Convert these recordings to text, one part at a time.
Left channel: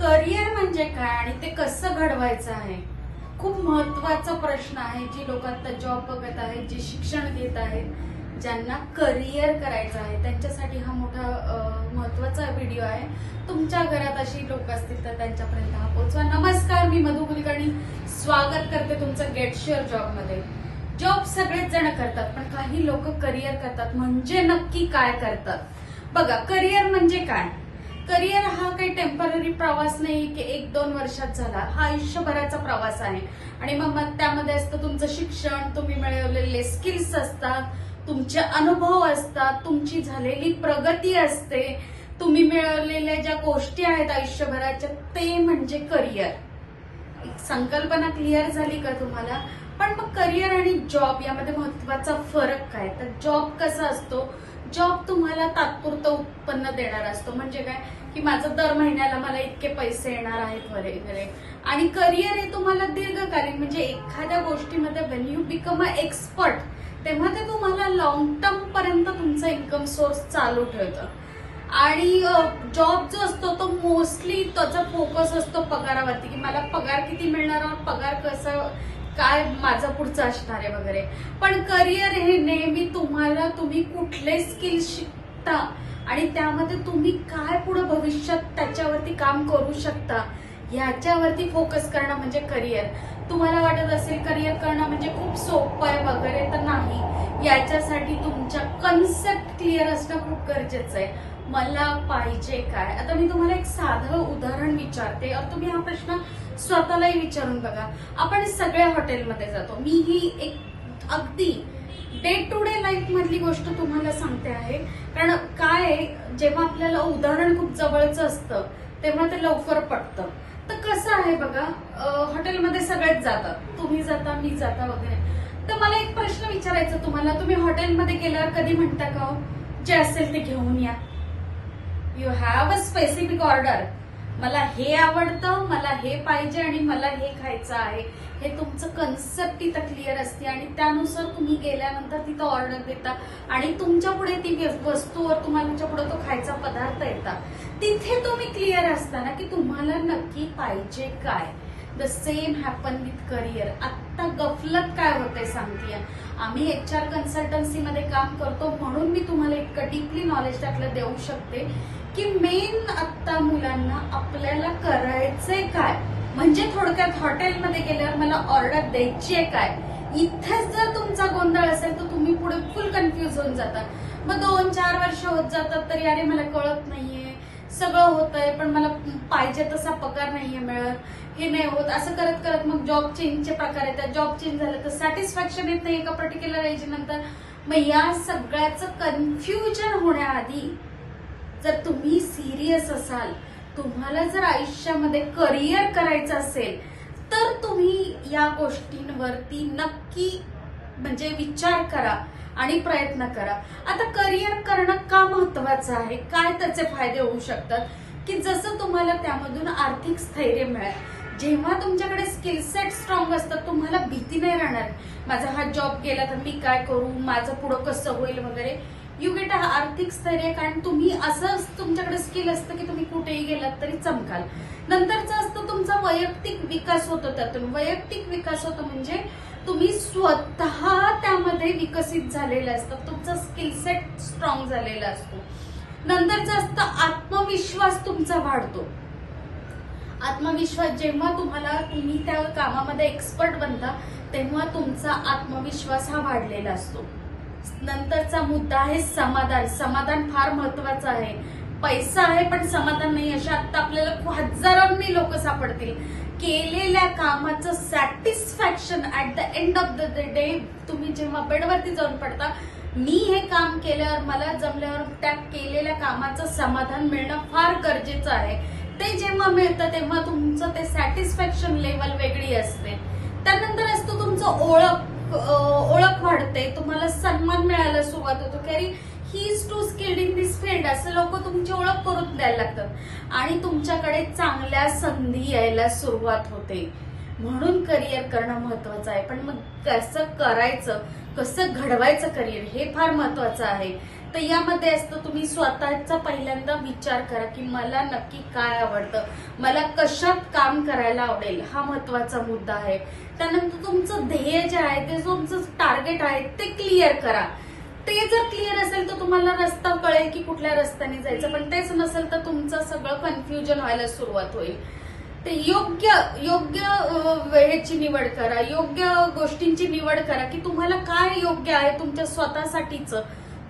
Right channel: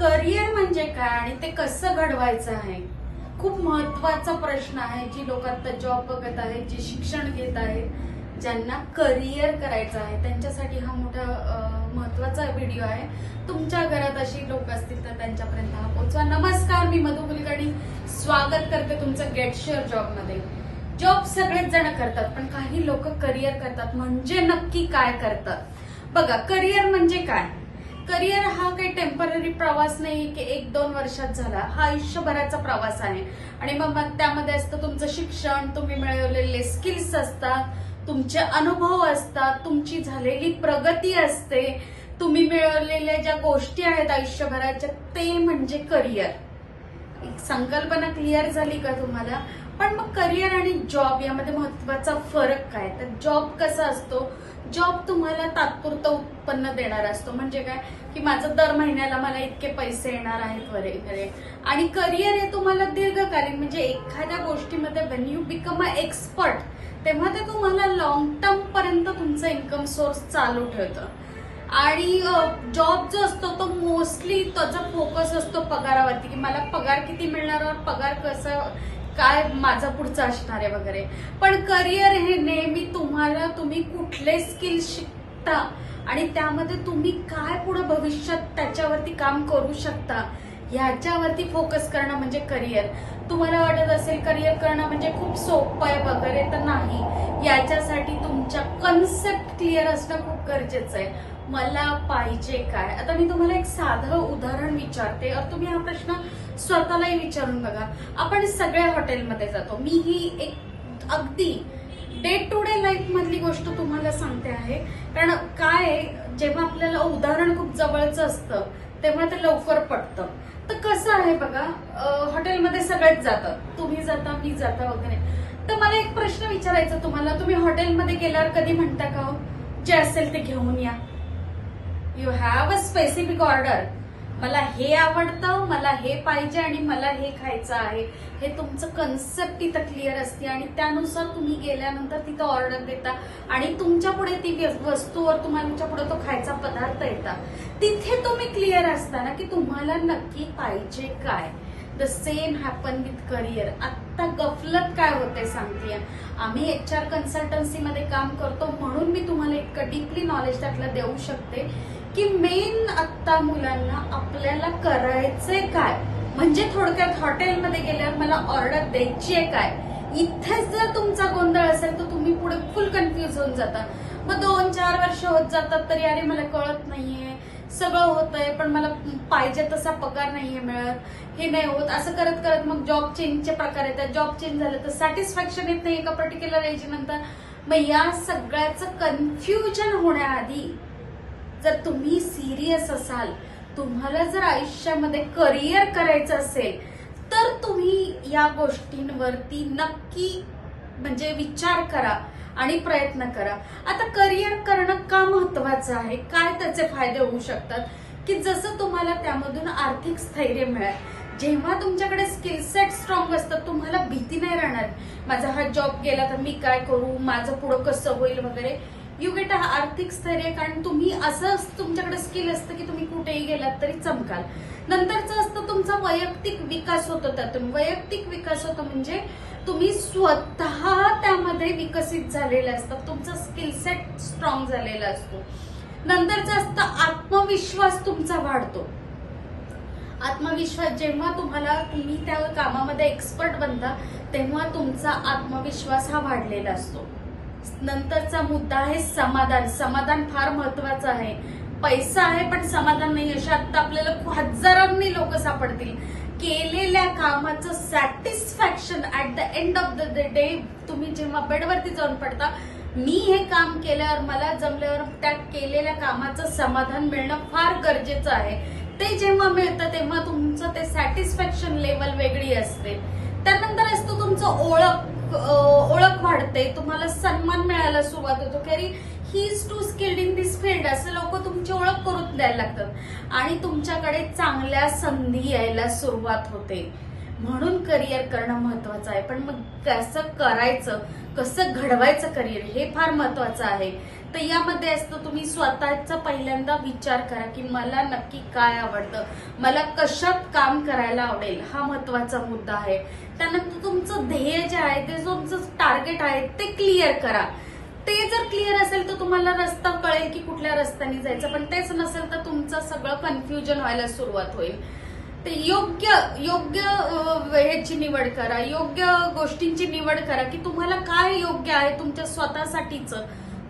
Career म्हणजे काय आणि ते कसं घडवायचं आहे, खूप महत्वाचा प्रश्न आहे. जी लोक आता जॉब बघत आहेत, जे शिक्षण घेत आहेत, ज्यांना करिअर करायचं आहे, त्यांच्यासाठी हा मोठा महत्वाचा व्हिडिओ आहे. तुमच्या घरात अशी लोक असतील तर त्यांच्यापर्यंत हा पोहोचवा. नमस्कार, मी मधु कुलकर्णी स्वागत करते तुमचं गेट शुअर जॉब मध्ये. जॉब सगळेच जण करतात, पण काही लोक करिअर करतात. म्हणजे नक्की काय करतात बघा. करिअर म्हणजे काय? करिअर हा काही टेम्पररी प्रवास नाही की 1-2 वर्षात झाला. हा आयुष्यभराचा प्रवास आहे. आणि मग त्यामध्ये असतं तुमचं शिक्षण, तुम्ही मिळवलेले स्किल्स असतात, तुमचे अनुभव असतात, तुमची झालेली प्रगती असते, तुम्ही मिळवलेल्या ज्या गोष्टी आहेत आयुष्यभराच्या, ते म्हणजे करिअर. संकल्पना क्लिअर झाली का तुम्हाला? पण मग करिअर आणि जॉब यामध्ये महत्वाचा फरक काय? तर जॉब कसा असतो? जॉब तुम्हाला तात्पुरतं उत्पन्न देणारा असतो. म्हणजे काय की माझं दर महिन्याला मला इतके पैसे येणार आहेत वगैरे. आणि करिअर हे तुम्हाला दीर्घकालीन, म्हणजे एखाद्या गोष्टीमध्ये when you become a expert, तेव्हा ते तुम्हाला लॉंग टर्म पर्यंत तुमचा इन्कम सोर्स चालू ठेवतं. आणि जॉब जो असतो तो मोस्टली त्याचा फोकस असतो पगारावरती, की मला पगार किती मिळणार और पगार कसं काय माझं पुढचं असणार आहे वगैरे. पण करिअर हे नेहमी तुम्ही कुठले स्किल्स शिकता आणि त्यामध्ये तुम्ही काय पुढे भविष्यात त्याच्यावरती काम करू शकता याच्यावरती फोकस करणं म्हणजे करिअर. तुम्हाला वाटत असेल करिअर करणं म्हणजे खूप सोपं आहे वगैरे, तर नाही. याच्यासाठी तुमच्या कन्सेप्ट क्लिअर असणं खूप गरजेचं आहे. मला पाहिजे काय? आता मी तुम्हाला एक साधं उदाहरण विचारते, तुम्ही हा प्रश्न स्वतःलाही विचारून बघा. आपण सगळ्या हॉटेलमध्ये जातो. मी ही एक अगदी डे टू डे लाईफ मधली गोष्ट तुम्हाला सांगते आहे. कारण काय, जेव्हा आपल्याला उदाहरण खूप जवळचं असतं तेव्हा ते लवकर पटतं. तर कसं आहे बघा, हॉटेलमध्ये सगळेच जातात, तुम्ही जाता, मी जाता वगैरे. तर मला एक प्रश्न विचारायचा तुम्हाला, तुम्ही हॉटेलमध्ये गेल्यावर कधी म्हणता का हो, जे असेल ते घेऊन या? You have a specific order. मला हे आवडतं, मला हे पाहिजे आणि मला हे खायचं आहे. हे तुमचं कन्सेप्ट इथं क्लिअर असते आणि त्यानुसार तुम्ही गेल्यानंतर तिथं ऑर्डर देता आणि तुमच्या पुढे ती वस्तू, तुमच्या पुढे तो खायचा पदार्थ येतात. तिथे तुम्ही क्लिअर असता ना की तुम्हाला नक्की पाहिजे काय. The same happen with career. आत्ता गफलत काय होते सांगतेय. आम्ही HR कन्सल्टन्सीमध्ये काम करतो म्हणून मी तुम्हाला इतकं डीपली नॉलेज त्यातलं देऊ शकते की मेन आत्ता मुलांना आपल्याला करायचंय काय. म्हणजे थोडक्यात हॉटेलमध्ये गेल्यावर मला ऑर्डर द्यायची आहे काय, इथेच जर तुमचा गोंधळ असेल तर तुम्ही पुढे फुल कन्फ्युज होऊन जाता. मग 2-4 वर्ष होत जातात तरी अरे मला कळत नाहीये, सगळं होतंय पण मला पाहिजे तसा पगार नाहीये मिळत, हे नाही होत. असं करत करत मग जॉब चेंजचे प्रकार येतात. जॉब चेंज झालं तर सॅटिस्फॅक्शन येत नाही एका पर्टिक्युलर एज नंतर. मग या सगळ्याचं कन्फ्युजन होण्याआधी जर तुम्ही सिरियस असाल, तुम्हाला जर आयुष्यामध्ये करिअर करायचं असेल, तर तुम्ही या गोष्टींवरती नक्की म्हणजे विचार करा आणि प्रयत्न करा. आता करिअर करणं का महत्वाचं आहे, काय त्याचे फायदे होऊ शकतात, की जसं तुम्हाला त्यामधून आर्थिक स्थैर्य मिळेल. जेव्हा तुमच्याकडे स्किल सेट स्ट्रॉंग असतात, तुम्हाला भीती नाही राहणार माझा हा जॉब गेला तर मी काय करू, माझं पुढं कसं होईल वगैरे. यू गेट आर्थिक स्थैर्य, कारण तुम्ही असं तुमच्याकडे स्किल असतं की तुम्ही कुठेही गेलात तरी चमकाल. नंतरचं असतं तुमचा वैयक्तिक विकास होतो. त्यातून वैयक्तिक विकास होतो म्हणजे तुम्ही स्वतः त्यामध्ये विकसित झालेले असतात, तुमचा स्किल सेट स्ट्रॉंग झालेला असतो. नंतरचं असतं आत्मविश्वास तुमचा वाढतो. आत्मविश्वास जेव्हा तुम्ही त्या कामामध्ये एक्सपर्ट बनता तेव्हा तुमचा आत्मविश्वास हा वाढलेला असतो. नंतरचा मुद्दा आहे समाधान. समाधान फार महत्वाचं आहे. पैसा आहे पण समाधान नाही, अशा आता आपल्याला हजारांनी लोक सापडतील. केलेल्या कामाचं satisfaction at the end of the day, तुम्ही जेव्हा बेडवरती जाऊन पडता, मी हे काम केल्यावर मला जमल्यावर त्या केलेल्या कामाचं समाधान मिळणं फार गरजेचं आहे. ते जेव्हा मिळतं तेव्हा तुमचं ते सॅटिस्फॅक्शन लेवल वेगळी असते. त्यानंतर असतो तुमचं ओळख वाढते, तुम्हाला सन्मान मिळायला सुरुवात होतो की अरे he is too skilled in this field, असं लोक तुमची ओळख करून द्यायला लागतात आणि तुमच्याकडे चांगल्या संधी यायला सुरुवात होते. म्हणून करिअर करणं महत्वाचं आहे. पण मग कसं करायचं, कसं घडवायचं करिअर, हे फार महत्वाचं आहे. तर यामध्ये असतं तुम्ही स्वतःचा पहिल्यांदा विचार करा की मला नक्की काय आवडतं, मला कशात काम करायला आवडेल, हा महत्वाचा मुद्दा आहे. त्यानंतर तुमचं ध्येय जे आहे, ते तुमचं टार्गेट आहे ते क्लिअर करा. ते जर क्लिअर असेल तर तुम्हाला रस्ता कळेल की कुठल्या रस्त्याने जायचं, पण तेच नसेल तर तुमचं सगळं कन्फ्युजन व्हायला सुरुवात होईल. ते योग्य वेळेची निवड करा, योग्य गोष्टींची निवड करा की तुम्हाला काय योग्य आहे तुमच्या स्वतःसाठीच,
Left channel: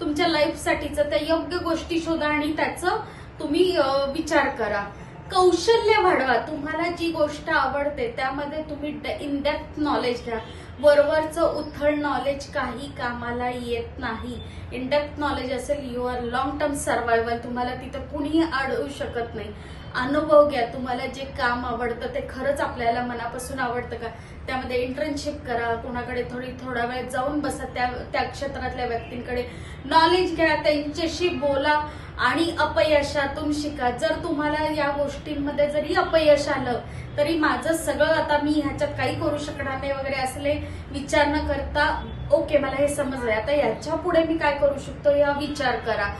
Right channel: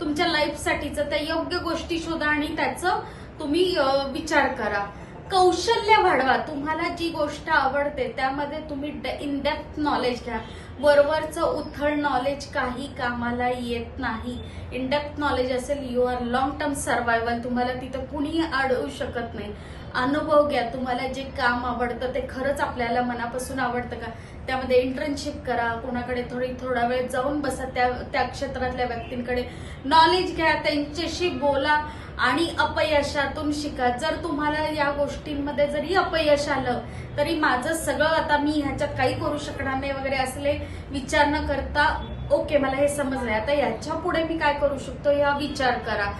तुमच्या लाईफसाठीचं. त्या योग्य गोष्टी शोधा आणि त्याचं तुम्ही विचार करा. कौशल्य वाढवा. तुम्हाला जी गोष्ट आवडते त्यामध्ये तुम्ही इन डेप्थ नॉलेज घ्या. वरवरचं उथळ नॉलेज काही कामाला येत नाही. इन डेप्थ नॉलेज असेल, you are long term survival. तुम्हाला तिथं कुणीही अडवू शकत नाही. अनुभव घ्या. तुम्हाला जे काम आवडतं ते खरंच आपल्याला मनापासून आवडतं का, त्यामध्ये इंटर्नशिप करा. कोणाकडे थोडा वेळ जाऊन बसा, त्या क्षेत्रातल्या व्यक्तींकडे नॉलेज घ्या, त्यांच्याशी बोला आणि अपयशातून शिका. जर तुम्हाला या गोष्टींमध्ये जरी अपयश आलं तरी माझं सगळं आता मी ह्याच्यात काही करू शकणार नाही वगैरे असले विचार न करता, ओके मला हे समजलंय, आता याच्या पुढे मी काय करू शकतो या विचार करा.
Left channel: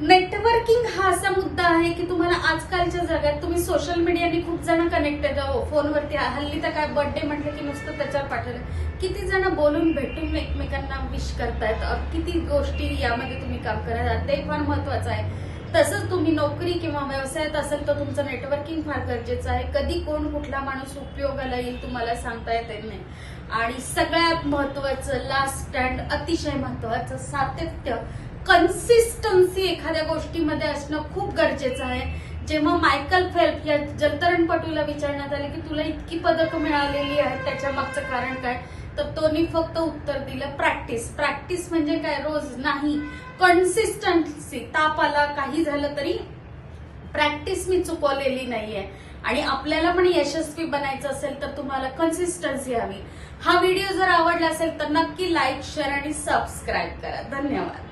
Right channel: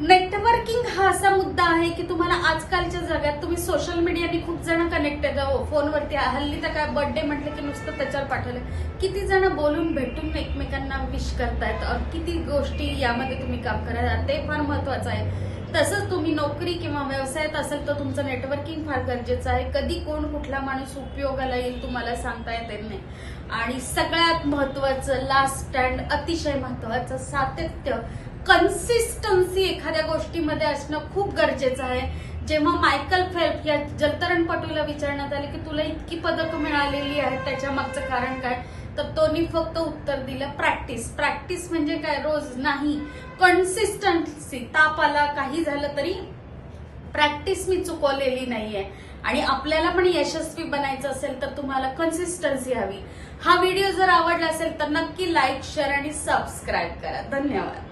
नेटवर्किंग हा असा मुद्दा आहे की तुम्हाला आजकालच्या जगात तुम्ही सोशल मीडियाने खूप जण कनेक्टेड, फोनवरती हल्ली तर काय बर्थडे म्हटलं की नुसतं त्याच्यावर पाठवलं, किती जण बोलून भेटून एकमेकांना विश करतायत. किती गोष्टी यामध्ये तुम्ही काम करा, ते फार महत्वाचं आहे. तसंच तुम्ही नोकरी किंवा व्यवसायात असेल तर तुमचं नेटवर्किंग फार गरजेचं आहे. कधी कोण कुठला माणूस उपयोगाला येईल तुम्हाला सांगता येत नाही. आणि सगळ्यात महत्वाचं लास्ट स्टँड, अतिशय महत्वाचं, सातत्य, कन्सिस्टन्सी एखाद्या गोष्टीमध्ये असणं खूप गरजेचं आहे. जेव्हा मायकल फेल्प या जलतरणपटूला विचारण्यात आले की तुला इतकी पदकं मिळालेली आहेत त्याच्या मागचं कारण काय, तर तोनी फक्त उत्तर दिलं प्रॅक्टिस. प्रॅक्टिस म्हणजे काय, रोज नाही, कन्सिस्टन्सी. ताप आला, काही झालं तरी प्रॅक्टिस मी चुकवलेली नाहीये. आणि आपल्याला पण यशस्वी बनायचं असेल तर तुम्हाला कन्सिस्टन्सी हवी. हा व्हिडिओ जर आवडला असेल तर नक्की लाईक, शेअर आणि सबस्क्राईब करा. धन्यवाद.